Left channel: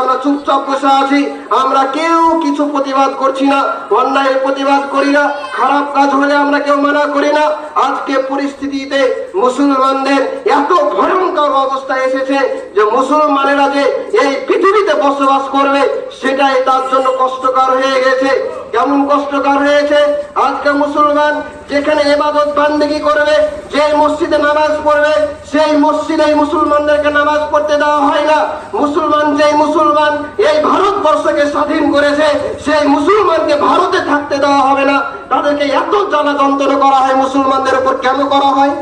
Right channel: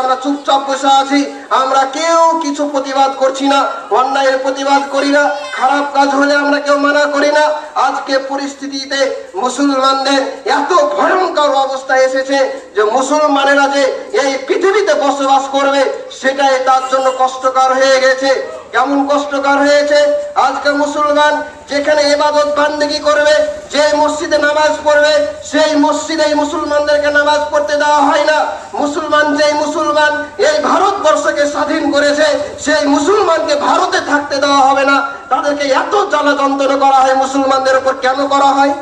আমরা চুপচাপ বসে আছি, আমরা কেউ কিছু প্রতিবাদ করছি না, অন্যায়ের প্রতিবাদ করি না, খারাপ কাজ হলে আমরা কেউ মানা করি না। আজকে পরিস্থিতিতে মুসলমানদের এত ভয়ঙ্কর অবস্থা এসেছে যে মুসলমানেরা যে এই পৃথিবীতে বসবাস করবে, সেটাই তার জন্য কষ্টকর হয়ে গেছে। কেমন কষ্টকর হয়েছে। আজকে মুসলমান যেখানে এবাদত বান্দেগি করবে, যে মসজিদে নামাজ পড়বে, সেই মসজিদে মুসলমানদেরকে নামাজ পড়তে দেওয়া হয় না। মুসলমান যেই মুসলমান এই ভারতবর্ষকে স্বাধীন করেছে, সেই মুসলমানকে ভারতে থাকতে দেওয়া হবে না। তাদেরকে এত জ্বালা যন্ত্রণা করা হয় মুসলমানদের উপর কেন করা হয়?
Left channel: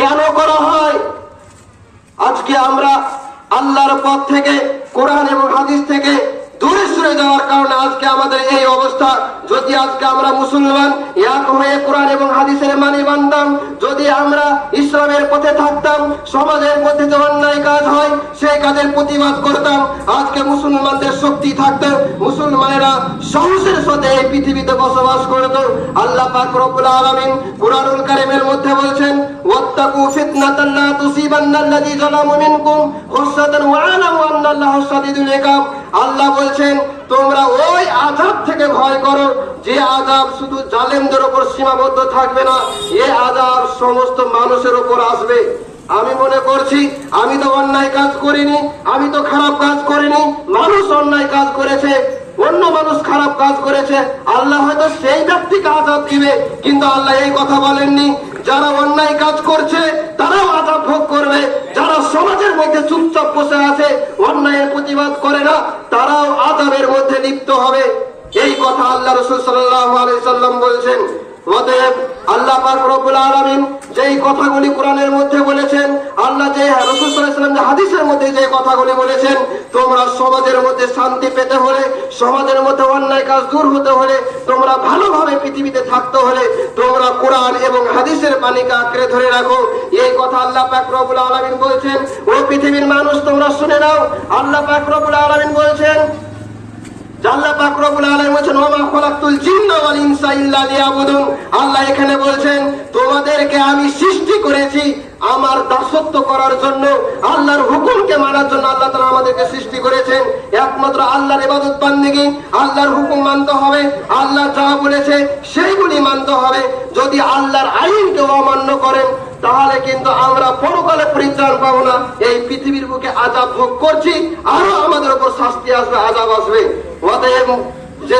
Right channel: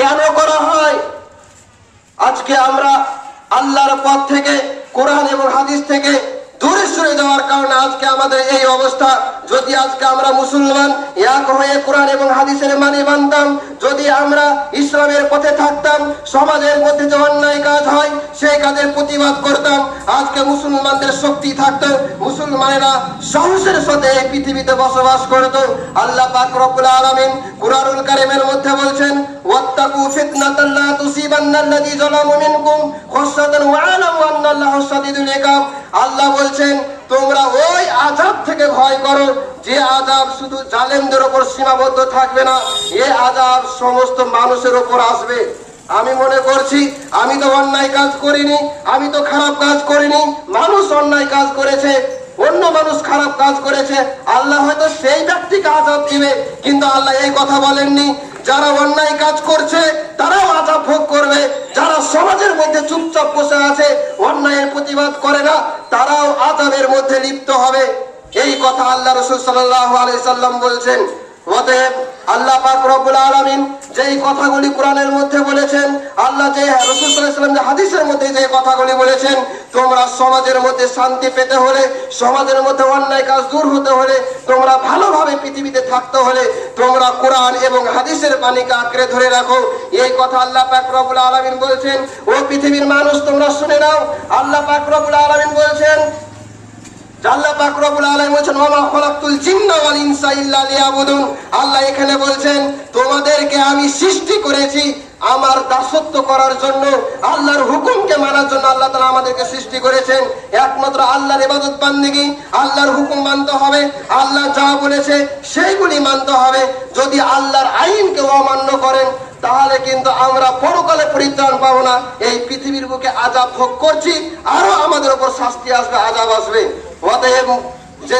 কেন করা হয়? আজকে আমরা আল্লাহর পথ থেকে, কোরআন এবং হাদিস থেকে দূরে সরে যাওয়ার কারণে আজকে আমাদের এই অবস্থা। যদি আজকে আমরা মুসলমান, এক হয়ে কোরআন এবং হাদিসের মানে মানতাম, যদি আমরা ইসলামের পথে থাকতাম, সমাজের মধ্যে যে অন্যায় কাজ হয়, সেই কাজের প্রতিবাদ করতাম। আজকে মুসলমানদের শক্তি থাকতো, মুসলমানেরা সাহসের সাথে এই পৃথিবীতে বসবাস করতো। আল্লাহ পাক রব্বুল আলামিন কুরআনুল কারীমের মধ্যে বলছেন, ওয়াত্তাকু ফিতনাতান লা তুসিবান্নাল্লাযী যালামু মিনকুম খাসাতান ওয়া আলামু আন্নাল্লাহু শাদীদুল ইকাব আল্লাহ বলছেন আযাব থেকে ভয় করো, যে আযাব শুধু জালেমদের উপর সীমাবদ্ধ থাকবে না এই আযাব সমস্ত মানুষের উপর আসবে। আমি মনে করছি, আমি তো অন্যায় কাজ করিনি, আমি তো খারাপ কাজ করিনি, মানুষ অন্যায় কাজ করেছে, অন্য মানুষ খারাপ কাজ করেছে, আল্লাহ হয়তো সেই ব্যক্তিকে আজাব দিবে, কিন্তু আল্লাহ এই কথা বলেননি, যারা অন্যায় কাজ করছে, তারাও আজাব ভোগ করবে, যারা সমাজের মধ্যে চুপচাপ বসে আছে, অন্যায়ের প্রতিবাদ করে না, তারাও আজাবের মধ্যে লিপ্ত হবে। কথা আল্লাহ রসুল সাল্লাহ আলাই সাল্লাম বলছেন, অতএব আল্লাহ পাক রব্বুল যেই কথাগুলি কোরআনের মধ্যে বলেছেন, আল্লাহ যে হাদিসের মধ্যে যে কথাগুলি বলেছেন, তোমরা সমাজের মধ্যে শান্তি পেতে হলে, সমাজের মধ্যে অন্যায় কাজ দূর হতে হলে, তোমরা ভালোভাবে পৃথিবীতে থাকতে হলে, তোমরা কোরআন এবং হাদিসের বাণীকে আঁকড়ে ধরে রাখো। এই কথা আল্লাহ পাক রব্বুল আলামিন বলেছেন, ও পৃথিবীর মানুষ তোমরা শুনে নাও। আল্লাহ পাক রব্বুল আলামিন বলেছেন করার জন্য, আল্লাহর হুকুমকে জন্য আল্লাহ আমাদেরকে সৃষ্টি করেছেন। একমাত্র আল্লাহর ইবাদত বান্দেগি, আল্লাহর হুকুম মানতে হবে, আল্লাহ যা বলেছে সেইগুলি মানতে হবে। যদি আল্লাহর আইনকে অমান্য করেন তাহলে কিন্তু আমরা পরকালে পরিত্রাণ পাবো না। এই পৃথিবীর বুকে আজাব ভোগ করছি, আরও আমাদের উপর শাস্তি আসবে, আজাব আসবে। অতএব যে